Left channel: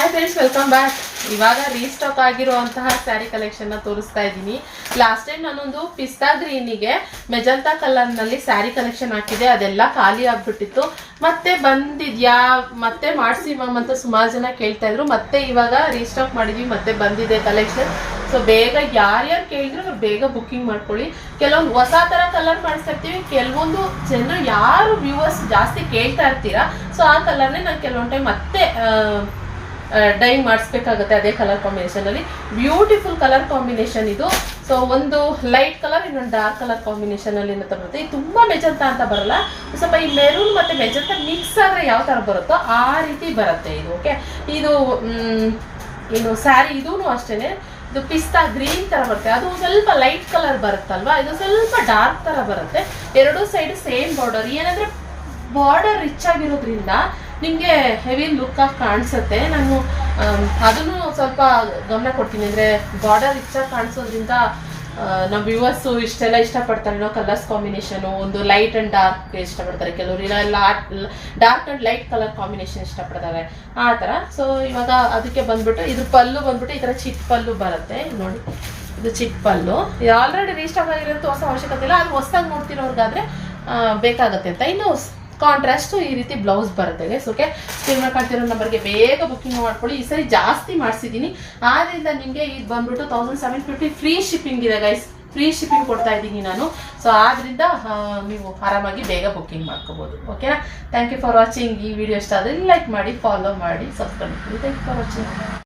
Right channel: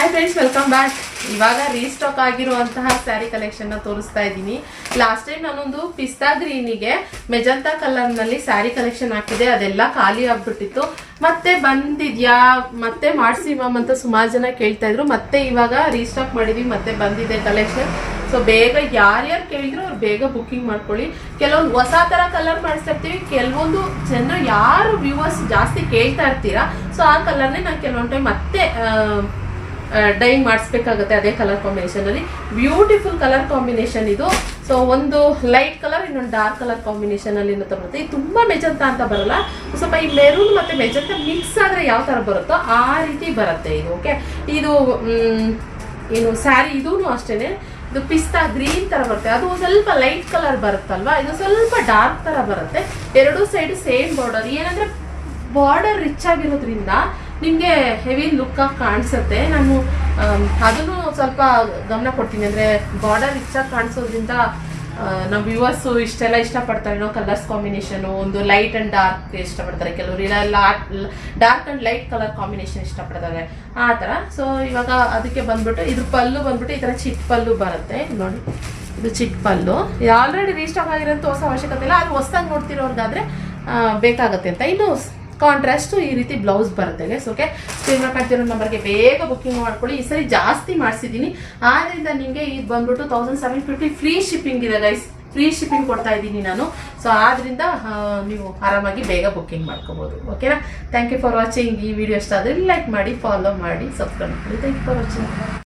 Hi friends, welcome back. ಇವಾಗ restock ಆಗಿರುವಂತಹ sari collection ತೋರಿಸ್ತಾ ಇದ್ದೀನಿ. ಲಾಸ್ಟ್ ಟೈಮ್ ನಾನೊಂದು ಪಿಸ್ತಾ ಗ್ರೀನಿಗೆ ಮೆಜಂತಾ ಕಲರ್ ನಲ್ಲಿ ಸ್ಯಾರಿ ಕಲೆಕ್ಷನ್ ಹಾಕಿದೆ, ಅದೆಲ್ಲ ಖಾಲಿ ಆಗ್ಬಿಟ್ಟಿತ್ತು. ಮತ್ತೆ ಬಂದಿದ್ಯಾ, ಮತ್ತೆ ಮಾಡಿಸಿ ಮ್ಯಾಮ್ ಅಂತ ಸುಮಾರು ಜನ ಕೇಳ್ತಾ ಇದ್ರು. ಮತ್ತೆ ಇವಾಗ ರೀಸ್ಟಾಕ್ ಮಾಡಿದ್ವಿ, ಮತ್ತೆ ಬಂದಿದೆ ಕಲೆಕ್ಷನ್. ಸೊ ಬೇಗ ಯಾರ್ಯಾರು ಕೇಳಿದ್ರು ಅವ್ರು ಬೇಗ ಬುಕ್ಕಿಂಗ್ ಮಾಡ್ಕೊಳ್ಳಿ. ಕೆಲವೊಂದು ಹೊಸ ತರ ಕಲರ್ ಮಾಡಿಸ್ತಾ ಇರ್ತೀವಿ, ಕೆಲವೊಂದು ಜನ ಯಾರು ವ್ಯೂವರ್ಸ್ ಜಾಸ್ತಿ ಕೇಳ್ತಾ ಇರ್ತೀರಾ, ಸೊ ಆ ಕಲರ್ನೇ ನಾನು ಕೆಲವೊಂದು ಟೈಮ್ ಮತ್ತೆ ಡೈ ಮಾಡಿಸ್ಬೇಕಾಗುತ್ತೆ ಅದೇ ಕಲರ್ ಕಾಂಬಿನೇಷನ್ ಅಲ್ಲಿ. ಬ್ಯೂಟಿಫುಲ್ ಕಲರ್ ಕಾಂಬಿನೇಷನ್ ಇದು. ಸೊ ಒಂದು ಲೈಟ್ ಕಲರ್, ಇನ್ನೊಂದು ಡಾರ್ಕ್ ಕಲರ್ ಕಾಂಬಿನೇಷನ್ ಅಲ್ಲಿ ಬರುತ್ತೆ. ಇದು ತುಂಬಾ ಮೆಜಂತಾ ಅಂತ ಬರಲ್ಲ, ಸ್ವಲ್ಪ ಈ ಮೆರೂನ್ ಮತ್ತೆ ಮೆಜಂತಾ ಮಿಕ್ಸ್ ಆದ್ರೆ ಯಾವ ತರ ಬರುತ್ತೋ ಆ ರೀತಿ ಬರುತ್ತೆ ಇದು. ಓಕೆ, ಇದು ಏನು ಸ್ಯಾರಿ ಇದೂ ಅಷ್ಟೇನೆ. ಇದು ಪಿಸ್ತಾ ಗ್ರೀನ್ ತರ ಬರುತ್ತೆ, ಅದು ಸ್ವಲ್ಪ ಲೈಟ್ ಕಲರ್ ಬರುತ್ತಲ್ವಾ, ಇದು ಸ್ವಲ್ಪ ಡಾರ್ಕ್ ತರ ಬರುತ್ತೆ. ಎರಡೂ ಸೈಡ್ ಸೇಮ್ ಬಾರ್ಡರ್. ಏನಂದ್ರೆ ಬಾರ್ಡರ್ ರಿಚ್ ಆಗಿರೋದ್ರಿಂದ ನಿಮಗೆ ಹೆವಿ ಲುಕ್ ಆಗಿ ಕಾಣಿಸುತ್ತೆ. ನಾನು ಅದನ್ನು ಸ್ವಲ್ಪ ಗಮನ ಕೊಡ್ತೀನಿ. ಅಂದರೆ ಬಾರ್ಡರ್ ರಿಚ್ ಆಗಿ ಕಾಣಿಸೋದ್ರಿಂದ ನಮ್ಮ ವ್ಯೂವರ್ಸು ಇಷ್ಟೆಲ್ಲ ಇಷ್ಟಪಡ್ತಾರೆ. ಕಲರ್ಸ್ ಕಾಂಬಿನೇಷನು ಒಂದು ಲೈಟ್ ಆ್ಯಂಡ್ ಡಾರ್ಕ್ ಇಷ್ಟಪಡ್ತಾರೆ, ಕೆಲವರು ಇಲ್ಲ dark and light colour combination ಇಷ್ಟಪಡ್ತಾರೆ, ಆ ಥರ. ಸೊ ಇವಾಗ ಅದಕ್ಕೆ ಬಂದ್ಬಿಟ್ಟು ಇದ್ರ ಪಲ್ಲು ಬಂದ್ಬಿಟ್ಟು ಈ ಥರ ಚಿಕ್ಕ ಪಲ್ಲು ಬರುತ್ತೆ ನೋಡಿ. ಇದು ಚಿಕ್ಕ ಪಲ್ಲು. ಇದು ಆಲ್ರೆಡಿ ರೀಸ್ಟಾಕ್ ಆಗಿರೋಂಥ ಹೊಸ ಅವಶ್ಯಕತೆ ಇಲ್ಲ, ಅದು ಹೊಸದಾಗಿ ನೋಡ್ತಿರೋರ್ಗಾದ್ರೆ ಬೇಕಾಗುತ್ತೆ ಅಂತ. ಇನ್ನು ಕಾಂಟ್ರಾಸ್ಟ್ ಈ ರೀತಿ ಬ್ಲೌಸ್ ಬರುತ್ತೆ ಗೈಸ್. ಓಕೆ, ಸ್ಕ್ರೀನ್ ಮಾಡ್ತಿರೋ ನಂಬರ್ಗೆ ಬೇಗ ಬುಕ್ಕಿಂಗ್ ಮಾಡ್ಕೊಳ್ಳಿ. ಈ ಸರಿ ಜಾಸ್ತಿ ಮಾಡಿಸಿದ್ದೀನಿ, ಆದ್ರಿಂದ ನಿಮಗೆ ಇದು ಬಂದ್ಬಿಟ್ಟು 1750 ಫ್ರೀ ಶಿಪ್ಪಿಂಗ್ ಇದೆ ಗೈಸ್. ಫ್ರೀ ಶಿಪ್ಪಿಂಗ್ ಕೊಡ್ತಾ ಇದ್ದೀನಿ ನಾನು. ಸೊ ಆದ್ರಿಂದ ನೀವು ಆರಾಮಾಗಿ ಬೇಗ ಬುಕ್ಕಿಂಗ್ ಮಾಡ್ಕೋಬಹುದು. ಓಕೆನಾ? Thank you for watching. ಈ ವಿಡಿಯೋ ಇಷ್ಟ ಆದರೆ ಲೈಕ್ ಮಾಡಿ, ಫಾಲೋ ಮಾಡಿ, ಸಬ್ಸ್ಕ್ರೈಬ್ ಮಾಡಿ. Thank you for watching.